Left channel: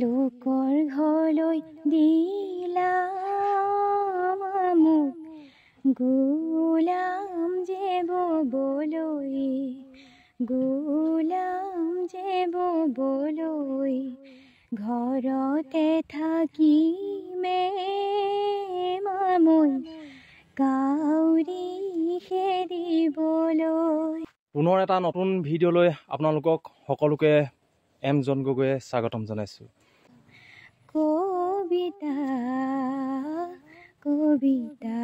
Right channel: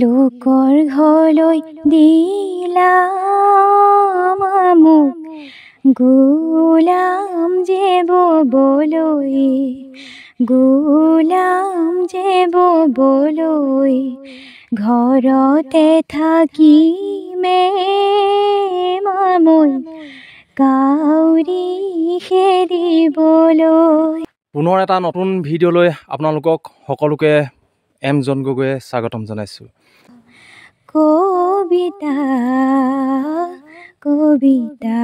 লোকৰ ঘৰলৈ দিলা মোক গোলাম যে ববলৈ, গোলাম যে ববলৈ, ঘৰতে থাকি মই কাউৰী খেদিবলৈ। পুনৰ এটা নতুন ভিডিঅ'লৈ আপোনালোকক সকলোকে এম জন গগৈয়ে স্বাগতম জনাইছোঁ। কবিতা কবিতা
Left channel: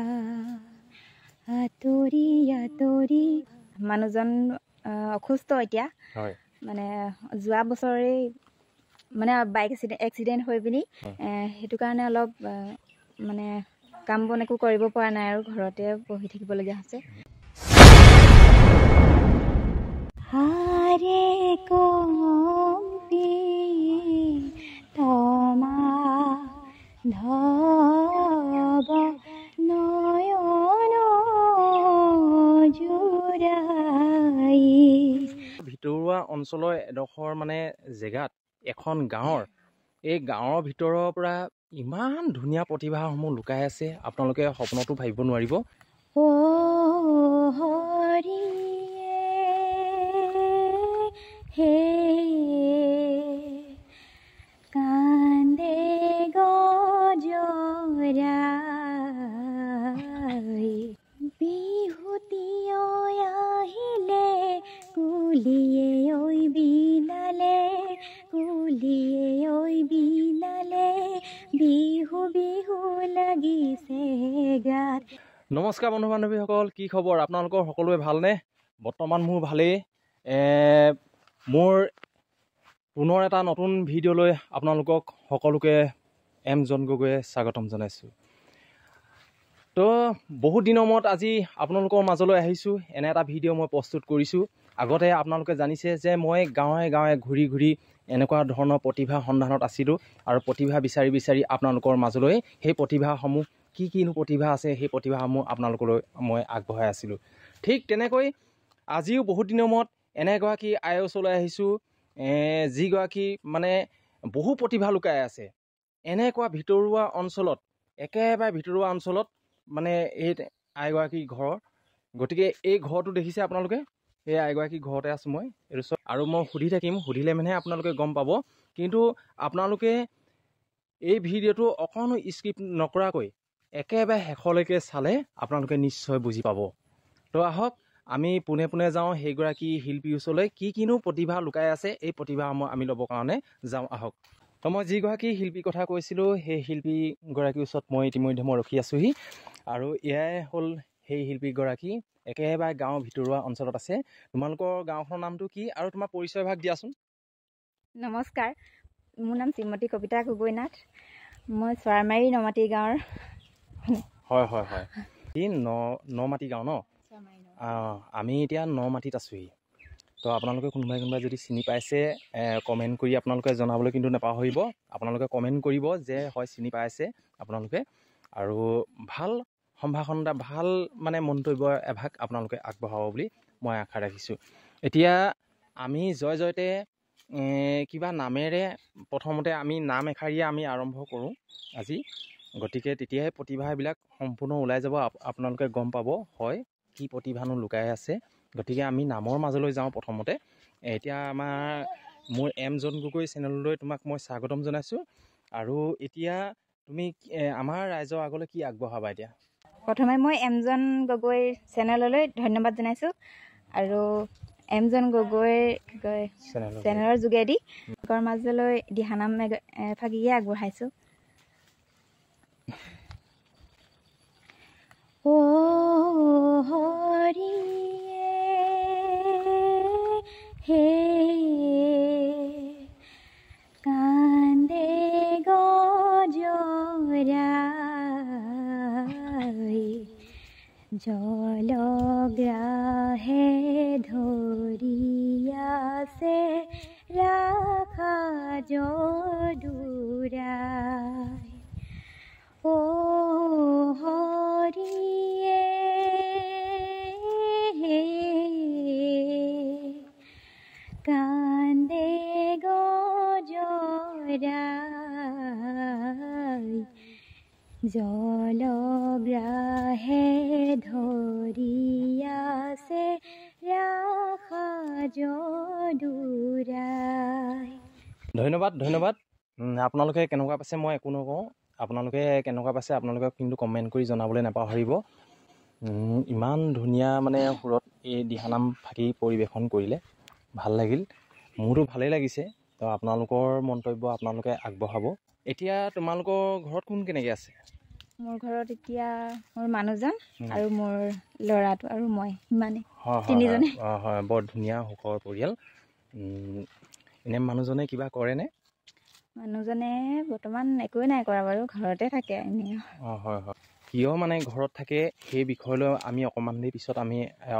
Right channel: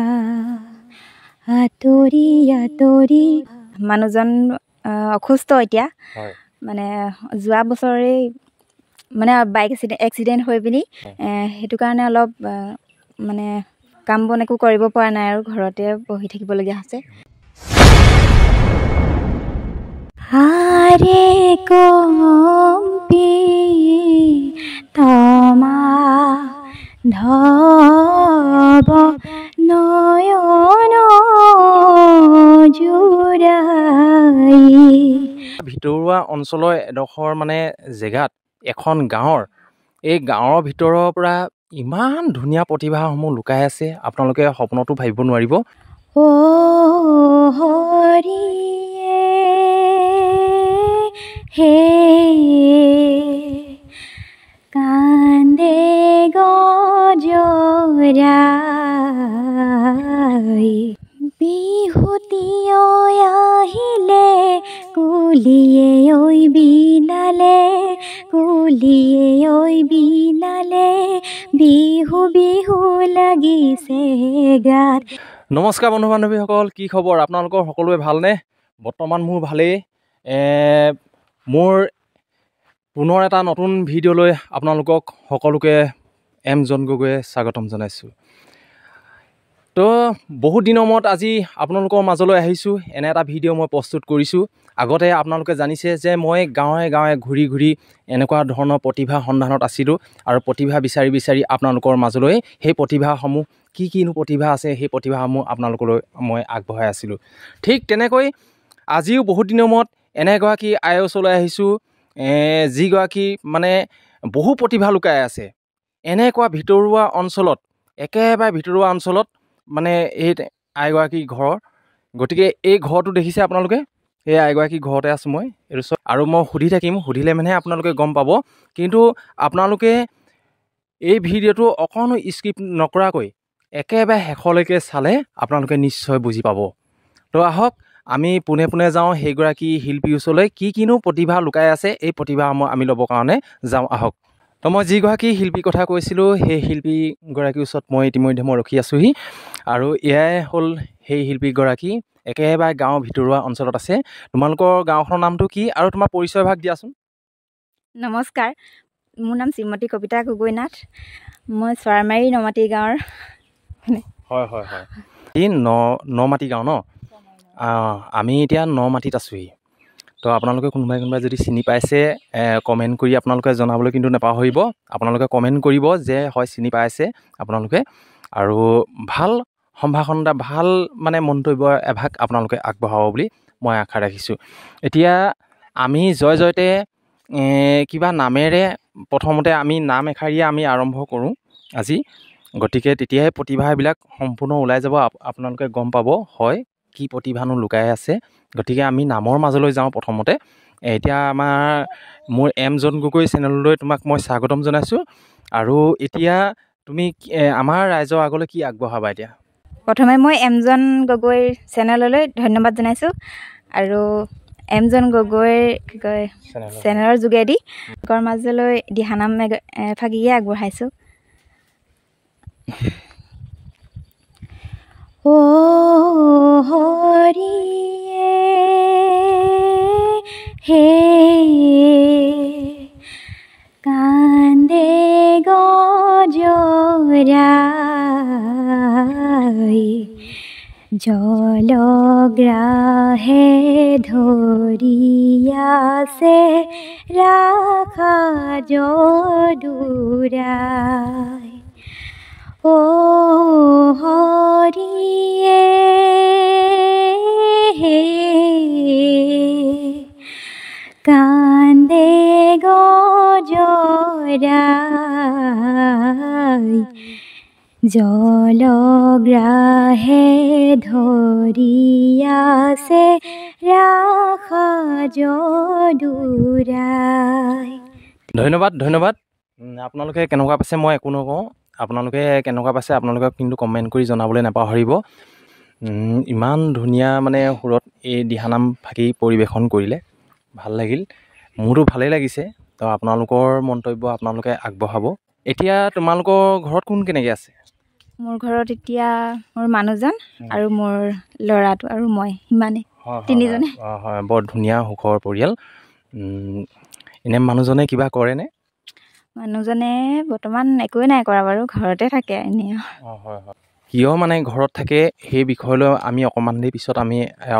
আঁতৰি আঁতৰি। মানুহজন অসুস্থ এতিয়া, মানে যোৱা বছৰে মানে বাইক এক্সিডেণ্ট হৈ পিনি সেইটো কাৰণে অলপ মানে কাম বন একো কৰিব পৰা নাই আৰু ঘৰতে বহি থাকিবলগীয়া হৈছে। আৰে কম্পি তমা ধব নয়ন জুৰাই। ভিতৰুৱা অঞ্চলৰ এডোখৰ মানে জেগাত এখন গাঁৱৰ, এই গাঁৱৰ ভিতৰৰ পৰা ইমান ধুনীয়া প্ৰতিভাসমূহ লুকাই আছে, আপোনালোকে সপোনতো ভাবিব নোৱাৰিব। হৰিয়ে হে কান্দে গজৰাই, বিহুতীয় আহিলে কুলিয়ে ঐ বিনালে, কুলিয়ে ঐ বিনালে, বিহু বিহু লাগিছে গাত। নমস্কাৰ বন্ধু বান্ধৱীসকল, কি খবৰ? আপোনালোকৰ সকলোৱে ভালনে? বৰ্তমান মোৰ ভালেই। মোৰ পুনৰ এটা নতুন ভিডিঅ'লৈ আপোনালোকক সকলোকে এম জন গগৈয়ে স্বাগতম জনাইছোঁ। তো বহুত দিনৰ মূৰত আজি আপোনালোকৰ মাজলৈ আহিছোঁ, এনে এটা ভিডিঅ' মই প্ৰস্তুত কৰিছোঁ। আগতে আপোনালোকে জানিছে যে মই গাঁৱে গাঁৱে ঘূৰি ঘূৰি এনেকুৱা ধৰণৰ প্ৰতিভা সন্ধানত আছিলোঁ, আৰু প্ৰতিভা বিচাৰি বিচাৰি আপোনালোকৰ মাজলৈ সেই প্ৰতিভাসমূহ কিনো প্ৰতিভা আছে সেই প্ৰতিভাসমূহ আপোনালোকলৈ মই আগবঢ়াই আছিলোঁ। ঠিক তেনেকৈ আজিও বহুত দিনৰ মূৰত এনে এগৰাকী আইৰ ওচৰলৈ আহিছোঁ, যিগৰাকী মানে বহু প্ৰতিভা লুকাই আছে এনেকুৱা ভিতৰুৱা অঞ্চলত, একেবাৰে ভিতৰুৱা অঞ্চলত মানে এই আইগৰাকী ঘৰৰ। গতিকে এই ঘৰটো দেখিছে আপোনালোকে, এই আইগৰাকী ঘৰতে আছোঁ মই এইটো চব, আৰু মই সুধি থাকিম, সুধিলে মানেহে আপোনালোকে গম পাব। কিন্তু আপোনালোকে এই ভিডিঅ'টো অকণো স্কিপ নকৰাকৈ একেবাৰে শেষলৈকে চালে আপোনালোকে নিশ্চয় বুজি পাব। তো আহক আমি পোনে পোনে যাওঁ সেইগৰাকী শিল্পীৰ ওচৰলৈ, কিনো প্ৰতিভা লুকাই আছে এই প্ৰতিভাসমূহ আমি ল'বৰ কাৰণে যাওঁ, আহক। তো মই যিগৰাকী শিল্পীৰ কথা কৈছিলোঁ সেই শিল্পীগৰাকীৰ ওচৰত মই ইতিমধ্যে ৰখি আছোঁহি, আৰু এয়াই হ'ল সেই শিল্পীগৰাকী, একেবাৰে গাঁৱৰ ভিতৰুৱা অঞ্চলত আছে। তোমালোকৰ গাঁওখনৰ নামটো কি আৰু তোমাৰ পৰিচয় ভাগ দিয়াচোন। নমস্কাৰ, মোৰ নাম শ্ৰীমতী কবিতা গগৈ নাথ, মই চৰাইমাৰী নমাটি গাঁৱৰ। হয় হয় হয়, এই নমাটি গাঁও ন? আমি এতিয়া নমাটিত আছোঁহি। তো আপোনালোকে কোনোবাই যদি চিনি পাইছে কমেণ্ট কৰি আপোনালোকে জনাবলৈ কিন্তু নাপাহৰিব। আপোনালোকে কমেণ্ট কৰিব যে হয় চিনি পাইছে আপোনালোকে, আৰু ভাল সম্ভাষণ এটা, ভাল মানে মন্তব্য এভাগ আপোনালোকে আগবঢ়াব বুলি মই আশা ৰাখিছোঁ। এতিয়া আমি জয় জয়তে কিবা নামেৰে প্ৰথমতে আমি নাম এষাৰিয়ে আমি আৰম্ভ কৰোঁ আজি। গতিকে তেতিয়াহে প্ৰতিভাবিলাক সম্পূৰ্ণ ওলাই যাব, আপোনালোকে গম পাব হয় কি প্ৰতিভানো লুকাই আছে। গতিকে আমি নামৰ মাজলৈ যাওঁ প্ৰথমতে। এতিয়া মোৰ এম জন গগৈ চেনেললৈ তোমাক মই স্বাগতম জনাইছোঁ। আৰু এতিয়া তুমি আমাৰ ৰাইজৰ আগলৈ কি আগবঢ়াবা? এতিয়া প্ৰথমে মই এম জন গগৈৰ চেনেললৈ ধন্যবাদ জনাইছোঁ, আৰু এম জন গগৈৰ কি কয় চেনেলৰ যোগেদি লোকৰ মাজলৈ দিহানাম এফাগিয়ে আগবঢ়াইছোঁ। হৰিয়ে হে কান্দে গজৰাই, জলগ্ৰাহে ধৰি আছে ৰাখা যদুৰাই। হৰিয়ে হে কান্দে গজৰাই, পৰাই জলগ্ৰাহে ধৰি আছে ৰাখা যদুৰাই। ধন্যবাদ ধন্যবাদ। আপোনালোকে কেনেকুৱা পাইছে মই একো নকওঁ, আপোনালোকে কেনেকুৱা পাইছে আপোনালোকে কিন্তু কমেণ্ট কৰি জনাবলৈ নাপাহৰিব। ইমান ধুনীয়া মানে সুৰত এই দিহানাম ফাঁকি পৰিৱেশন কৰিলে, ভাল লাগিল, মোৰতো ভালেই লাগিছে। তো আপোনালোকৰ মন্তব্য আপোনালোকে আগবঢ়াব। এতিয়া তোমালোকৰ ঘৰত কোন কেনেকৈ আছে? মোৰ ঘৰত এতিয়া মোৰ মানুহজন আৰু মোৰ ল'ৰাটো আৰু মই, সিমানে তিনিজনে। হয়, বৰ ধুনীয়া সুখৰ পৰিয়াল। এনে মানুহজনে কিবা কৰেনে? মানুহজনে বৰ্তমান একোৱে নাই কৰা বাৰু, ঘৰতে থাকে এনেই। হয় হয়। কিয় মানে ঘৰত থাকে সেই বিষয়লৈ আমি অকণমান দেৰি পিছত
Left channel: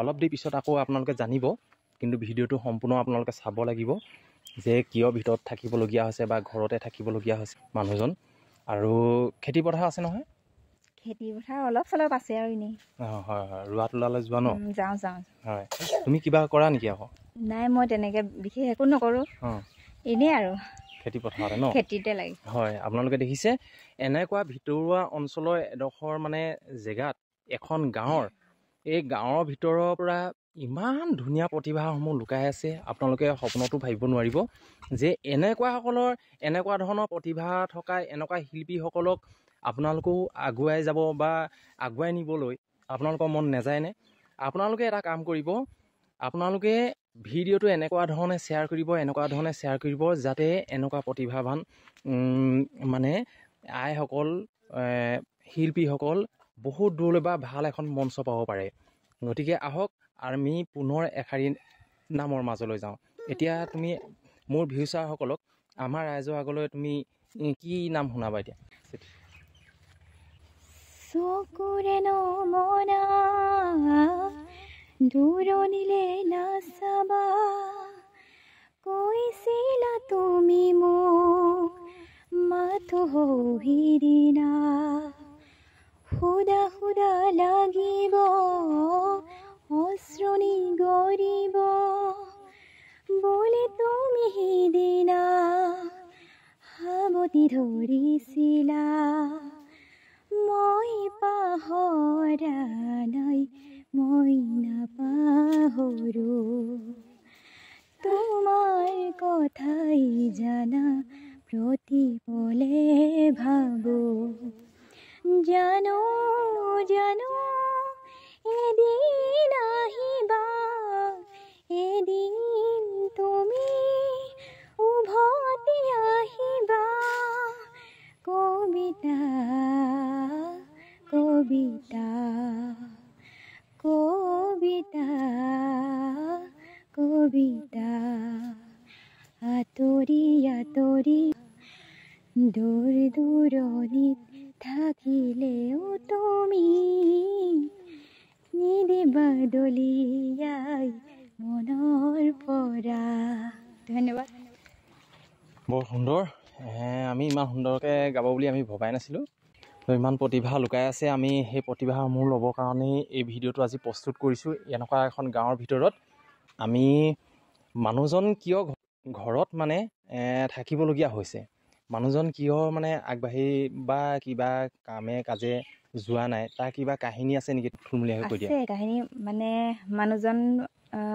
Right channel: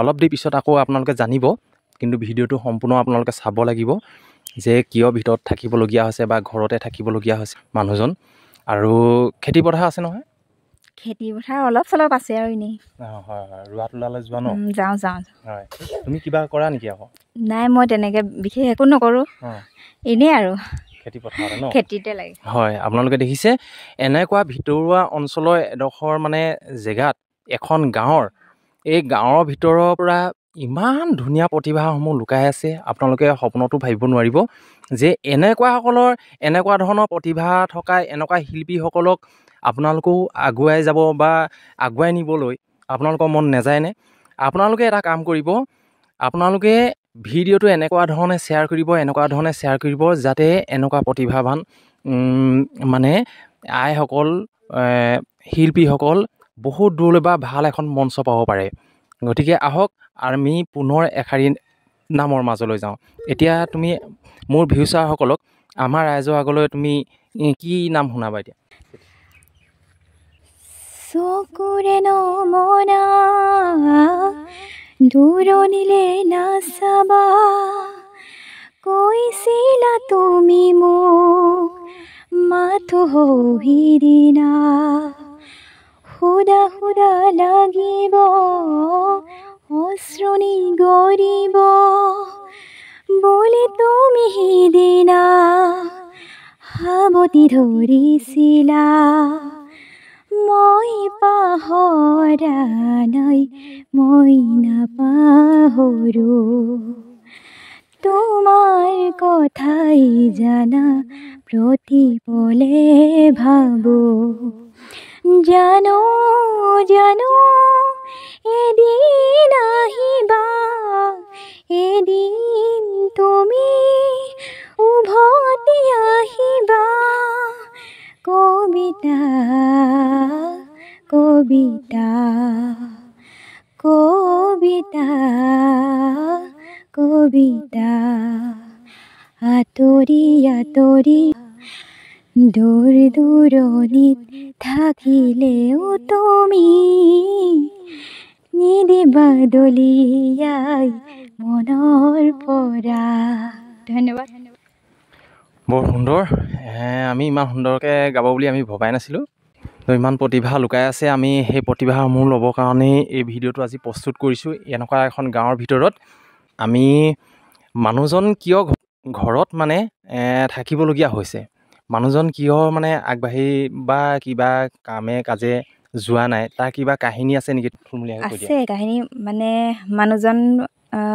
অলপ দেৰি পিছত আকৌ আপোনালোকে জানিব। কিন্তু ভিডিঅ'টো সম্পূৰ্ণ আপোনালোকে চাব লাগিব যে কিয় ভিতৰত থাকিবলগীয়া হৈছে বা ঘৰতে থাকিবলগীয়া হৈছে মানুহজন। আৰু খেতি পথাৰ আছে নহয়? খেতি পথাৰ অলপ চলপ আছে আৰু এনেই। হয় হয়, ৰোৱা তোলালৈ যোৱা ন? যাওঁ। হয়, তুমি কিবা কৰা নেকি আকৌ? নাই, মই তেনেকৈ বিশেষ একো নকৰোঁ, এনেই আৰু খেতি পথাৰতে ন? খেতিতে লাগে। হয়, আপোনালোকে দেখিছে এনেকুৱা ভিতৰুৱা অঞ্চলৰ এডোখৰ মানে জেগাত এখন গাঁৱৰ, এই গাঁৱৰ ভিতৰৰ পৰা ইমান ধুনীয়া প্ৰতিভাসমূহ লুকাই আছে। আপোনালোকে সপোনতো ভাবিব নোৱাৰিব যে এনেকুৱা ধৰণৰ প্ৰতিভা থকা এনেকুৱা শিল্পীসকলক আপোনালোকেও আগুৱাই যাব বা আগুৱাই নিবলৈ আপোনালোকৰ মন নাযায়নে? আপোনালোকে এটা কাম কৰিব, আপোনালোকে ভিডিঅ'টো এনেকুৱা ধৰণে শ্বেয়াৰ কৰিব যাতে এনেকুৱা প্ৰতিভাৱান মানে আইসকল, শিল্পীসকল বহুত দূৰলৈ বা ভাল এখন মঞ্চ পাব পাৰে। গতিকে আহক আমি পুনৰ এশাৰী নামৰ মাজলৈ যাওঁ। এতিয়া তুমি মোৰ ভিউচাৰসকলক আমাৰ ৰাইজৰ আগলৈ তুমি কি নাম শুনাবা এতিয়া? চকুৰে নমনা দূৰণিলে নাচাবা, কৈছিলা তুমি মোক মাথো সিদিনা, সুদা সুদা লাগিব অশ্ৰুনি গৰিব বুলি তুমি সিদিনা সাৱটি ধৰিছিলা। মই পাহৰা নাই, মই নাপাহৰো, তোমাৰ কথাই জানা প্ৰতি পলে ভাবো। জানো এদিন আহিবা, এদিন তুমি উভতি আহিবা। কবিতা কবিতা কবিতা কবিতা, আঁতৰি আঁতৰি দূৰ দূৰণিত থাকিলেও তুমি নিদিবা দলিয়াই মনৰ পৰা। ধন্যবাদ। বৰ সুন্দৰ। আমি ইমান সুন্দৰকৈ গাব বুলি আমি ভবাই নাছিলোঁ। তো ইমান প্ৰতিভা লুকাই আছে। আমি সেই প্ৰতিভাসমূহ ল'বৰ কাৰণেই এই ভিডিঅ'টো আজি প্ৰস্তুত কৰিছোঁ। এনেকুৱা এখন গাঁৱৰ ভিতৰত আমি মানুহজন কিয় ঘৰত মানে থাকিবলগীয়া হৈছে, মানুহজন কিয় মানে আগবাঢ়ি বা কিবা কামে কাজে যোৱা নাই, তাৰ কিবা কাহিনী আছে নেকি? থুলমূলীয়াকৈ কৈ দিয়া। আছে কাহিনী, মানে মানুহজন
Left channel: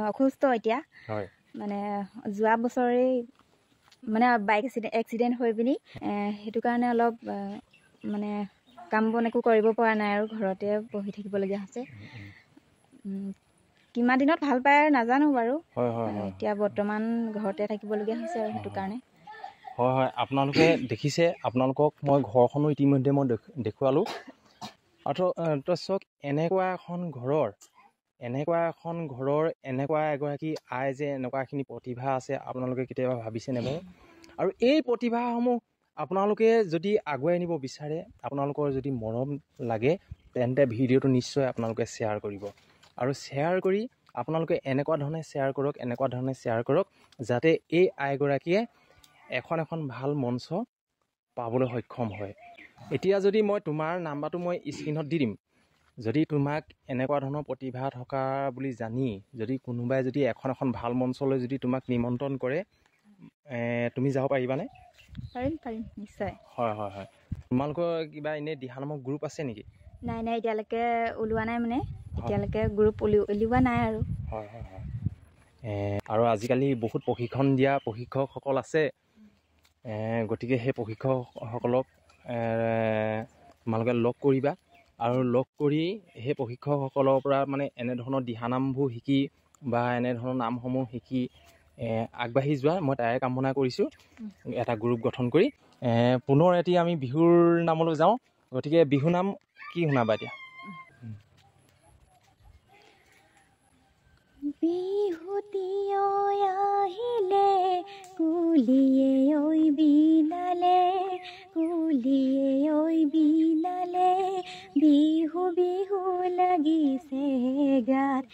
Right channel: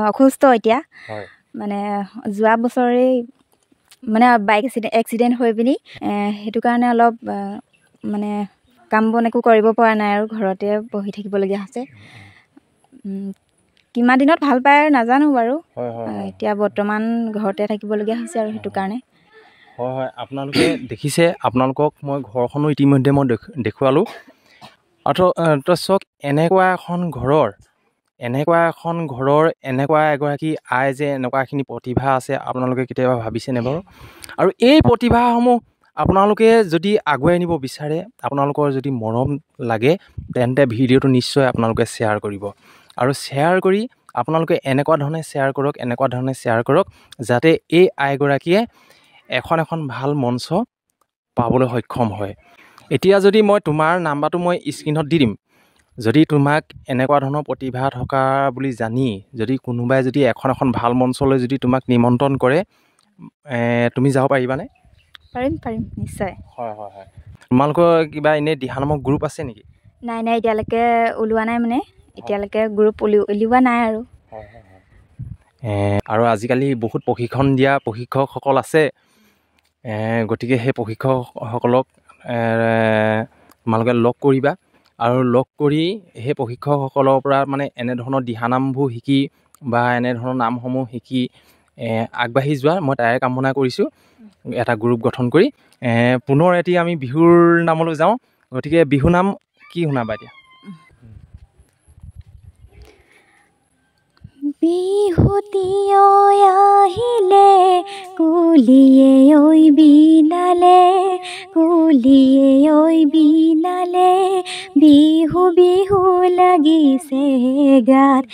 অসুস্থ এতিয়া। হয়, মানে যোৱা বছৰেই মানে বাইক এক্সিডেণ্ট হৈ পিনি সেইটো কাৰণে অলপ মানে কাম বন একো কৰিব পৰা নাই আৰু ঘৰতে বহি থাকিবলগীয়া হৈছে। কিমান দিনত ভাল পায় আৰু নাজানো বাৰু। এতিয়া বৰ্তমান ঘৰতে থাকিবলগীয়া হৈছে আৰু সেইটো কাৰণে। হয়, আপোনালোকে দেখিছে, আপোনালোকক মই ঘৰখনো ইতিমধ্যে মই দেখুৱালোঁ। তো চাওক, এনেকুৱা এখন ঘৰৰ এনেকুৱা এগৰাকী আই যে এনেকুৱাখিনি প্ৰতিভা আছে, আপোনালোকে কেতিয়াবা ভাবিছেনে বাৰু? আৰু এই প্ৰতিভাসমূহ আপোনালোকে যদি আগুৱাই নিব বিচাৰে, আপোনালোকৰ যদি মৰম লাগে, তেন্তে ভিডিঅ'টো নিশ্চয় আপোনালোকে শ্বেয়াৰ কৰিব। আৰু শ্বেয়াৰ কৰি আপোনালোকে এনেকুৱা ধৰণে শ্বেয়াৰ কৰক যাতে এই আইগৰাকীয়ে এখন ভাল মঞ্চ পাবলৈ সক্ষম হয়। এতিয়া যদি মই তোমাৰ নাম্বাৰটো মই স্ক্ৰীণত দি দিম, যদি তোমাক এনেকুৱা ধৰণৰ প্ৰতিভা থকা বুলি জানি যদি কোনোবাই যদি এখন ভাল মঞ্চলৈ যদি তোমাক নিমন্ত্ৰণ কৰে, তুমি যাব পাৰিবানে? পাৰিম পাৰিম নিশ্চয়। হয় হয় হয়। তোমালোকৰ কিবা এনেই দিহা নামৰ গ্ৰুপ আছে নেকি? নাই নাই এতিয়ালৈকে ওলোৱা নাই মানে এতিয়ালৈকে গ্ৰুপ উলিওৱা নাই আৰু। হয় হয় হয়। আৰু আজিকালি বহুত প্ৰশিক্ষণ দিয়া প্ৰশিক্ষকসকল আছে, গতিকে সেই প্ৰশিক্ষকসকলক তোমালোকে লগ কৰিবা আৰু লগ কৰি সেই প্ৰশিক্ষকসকলৰ পৰা মানে এনেধৰণৰ দিহানামবোৰ শিকি বা এনেধৰণৰ নামসমূহ শিকি আগবাঢ়ি যোৱা মই তাৰে কামনা কৰিছোঁ, এটা গ্ৰুপ গঠন কৰি। পুনৰ এটি আমি বিহুৰ নামলৈ যাওঁ, গতিকে বিহু নাম কি শুনাবা এতিয়া? বিহুতীয় আহিলে কুলিয়ে ঐ বিনালে, কুলিয়ে ঐ বিনালে, বিহু বিহু লাগিছে গাত,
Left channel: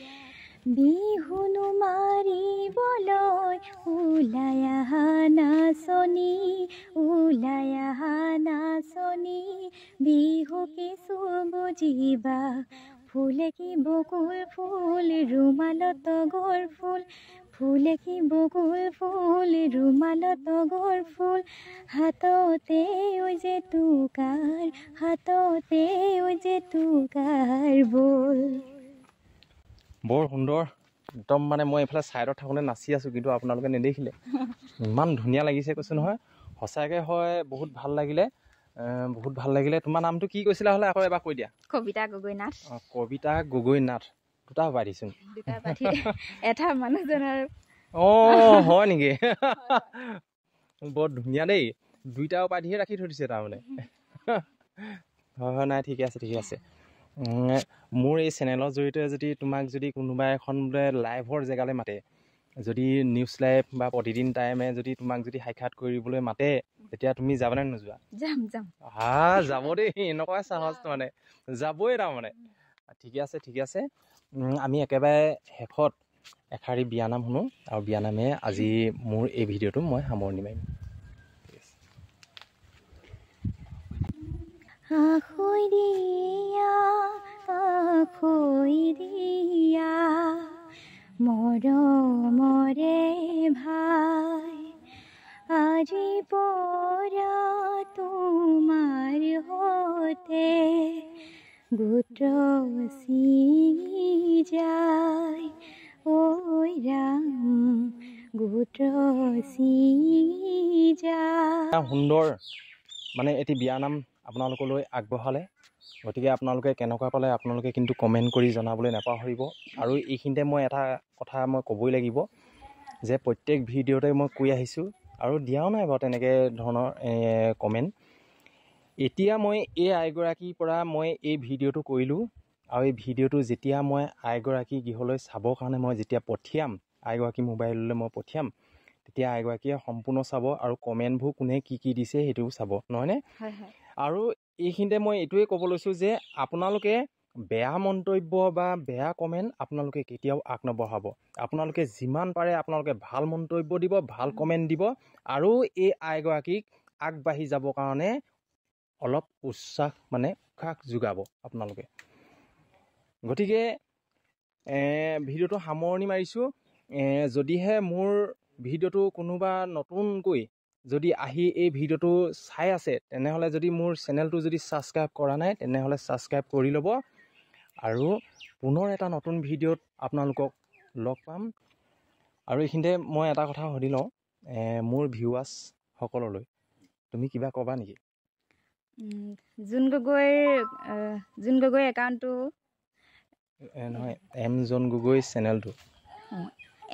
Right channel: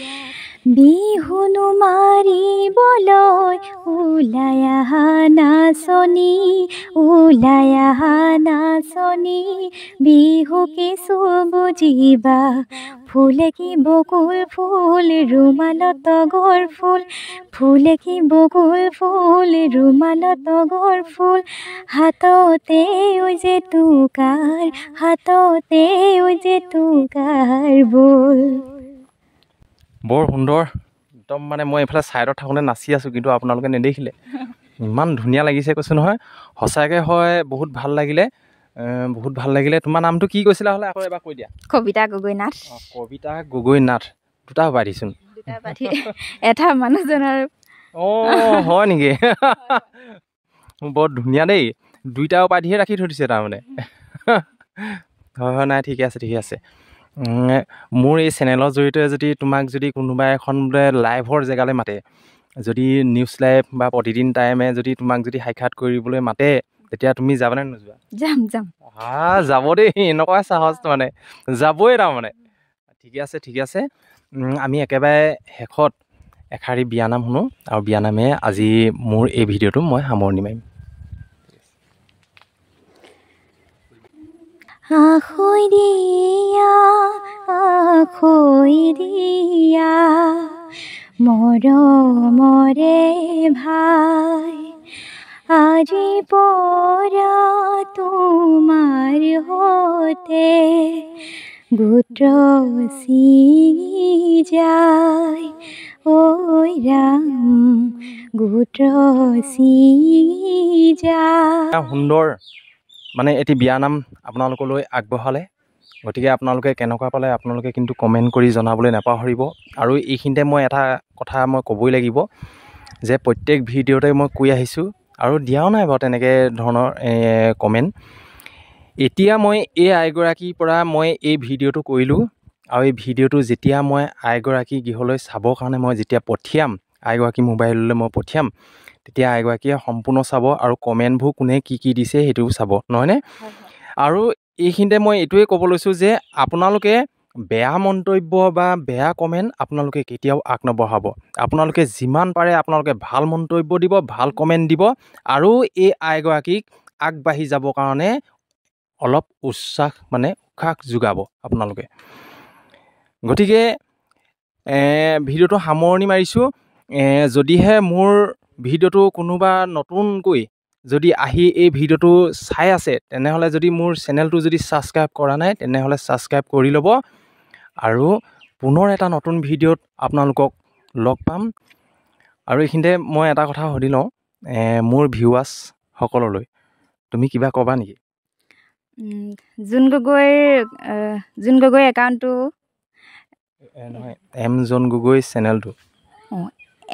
বিহুনো মাৰিবলৈ ওলাই আহা নাচনী, ওলাই আহা নাচনী, বিহু কিছু বুজিবা, ফুলে কি বকুল ফুল ৰুমালত তগৰ ফুল, ফুলে কি বকুল ফুল ৰুমালত তগৰ ফুল, হাততে ঐ যে টুকাৰ, হাততে ঐ যে টুকাৰ বল। বৰ সুন্দৰ, একদম মানে মই এইফালে ছাইডত থাকোঁতে নাচি আছোঁ, কিন্তু আপোনালোকে নেদেখিলে। ইমান ধুনীয়া লাগিছে কৈছোঁ নহয়, সঁচাকৈ হয় বহুত ভাল লাগিলে, বহুত ভাল লাগিলে। তোমাৰ নামটো কি কৈছিলা হ'লে আকৌ এবাৰ কৈ দিয়া? কবিতা গগৈ নাথ। অঁ, কবিতা গগৈ নাথ। দুটা উপাধিচোন। দুটা উপাধি, এটা মানুহজনৰ। অঁ, হয় নেকি? বৰ ধুনীয়া দেই, দুইটা উপাধিয়ে ৰাখি থৈ দিছে তাৰমানে। হয় হয়, নাই ঠিকে আছে ঠিকে আছে। মোৰ এই চেনেলৰ জৰিয়তে যদি তোমাক যদি কোনোবা এখন বোলে লাইভৰ জেগালৈ মাতে, যদি নিউজ লাইভ বা প্ৰতিদিন টাইমে যদি তোমাক যদি সাক্ষাৎ কৰিবলৈ মাতে, তেতিয়া তুমি যাবানে নোযোৱা? যাম যাম। যাব দেই, এনেকুৱাই সাহস মানে, যাবই তাৰমানে। ঠিকে আছে ঠিকে আছে। আমি একেবাৰে শেষত এষাৰি বিয়ানাম শুনো, আৰু বিয়ানামে আজি মোৰ এই ভিডিঅ'টো মই সামৰণি মাৰিম। আখৈ দিয়া, আখৈ দিয়া, মৰমৰে ভাই, আজি পৰা তোমাৰ হতে গোত্ৰ ছিঙি যায়, ঐ ৰাম গোত্ৰ ছিঙি যায়। সুন্দৰ মানে এটি বিয়ানাম আপোনালোকলৈ আগবঢ়ালে, গতিকে আপোনালোকে কেনেকুৱা পালে আপোনালোকে কিন্তু কমেণ্ট কৰি জনাবলৈ নাপাহৰিব। আৰু এইখিনিতে মই এটা কথা মই ক'বই লাগিব যে প্ৰত্যেক ভিডিঅ'তে মই কৈ আহিছোঁ, আৰু দিয়াও নাই বাৰু তেনেকৈ ধৰণৰ কমেণ্ট। এতিয়া মই এই আইগৰাকীৰ পৰা মই এই ভিডিঅ'টো কৰিলোঁ, আৰু এই ভিডিঅ'টো যেতিয়া মই আইগৰাকী গৃহলৈ চাবৰ কাৰণে মই যেতিয়া পঠিয়াম, আইগৰাকী মোবাইললৈ মই পঠিয়াম, তেতিয়া আইগৰাকীয়ে সম্পূৰ্ণ চাব আৰু কমেণ্টবোৰ কোনে কি কি দিছে সেইটোও চাব, নহয়নে? আৰু এইখিনিতে মই এইটোৱে ক'ব লৈছোঁ যে আপোনালোকে বেয়া মন্তব্য বা বেয়া কমেণ্ট আপোনালোকে কেতিয়াও আগ নবঢ়াব। আপোনালোকে যিমান পাৰে আপোনালোকে ভাল মন্তব্য দিব, ভাল কমেণ্ট দিব, আৰু এই আইগৰাকীক আগবাঢ়ি যাবৰ কাৰণে অলপ উৎসাহ যোগাব আপোনালোকে। গতিকে ভিডিঅ'টো সামৰণি মাৰিছোঁ। যদিহে মোৰ ভিডিঅ'টো কোনোবা নতুনকৈ যদি আহি এই ভিডিঅ'টো চাই আছে, তেনেহ'লে যদি মোৰ চেনেলটো যদি ছাবস্ক্ৰাইব কৰা নাই, তেনেহ'লে ছাবস্ক্ৰাইব কৰি ল'ব। আৰু পুনৰ এটা নতুন ভিডিঅ'ত আপোনালোকক লগ পাম। আৰু এইখিনিতে মই এটা কথা সুধি লওঁ, মোৰ ভিউৱাৰ্ছসকললৈ তুমি কিবা ক'বা নেকি? জোন গগৈ একাউণ্টটো নহয়, এম জন গগৈ চেনেলটো,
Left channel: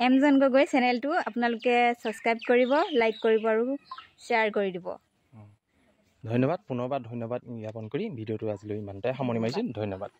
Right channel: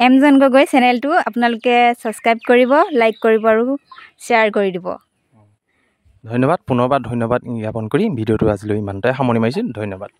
এম জন গগৈ চেনেলটো আপোনালোকে ছাবস্ক্ৰাইব কৰিব, লাইক কৰিব আৰু শ্বেয়াৰ কৰি দিব। ধন্যবাদ। পুনৰবাৰ ধন্যবাদ জ্ঞাপন কৰি ভিডিঅ'টো আজিলৈ ইমানতে সামৰণি মাৰিছোঁ। ধন্যবাদ।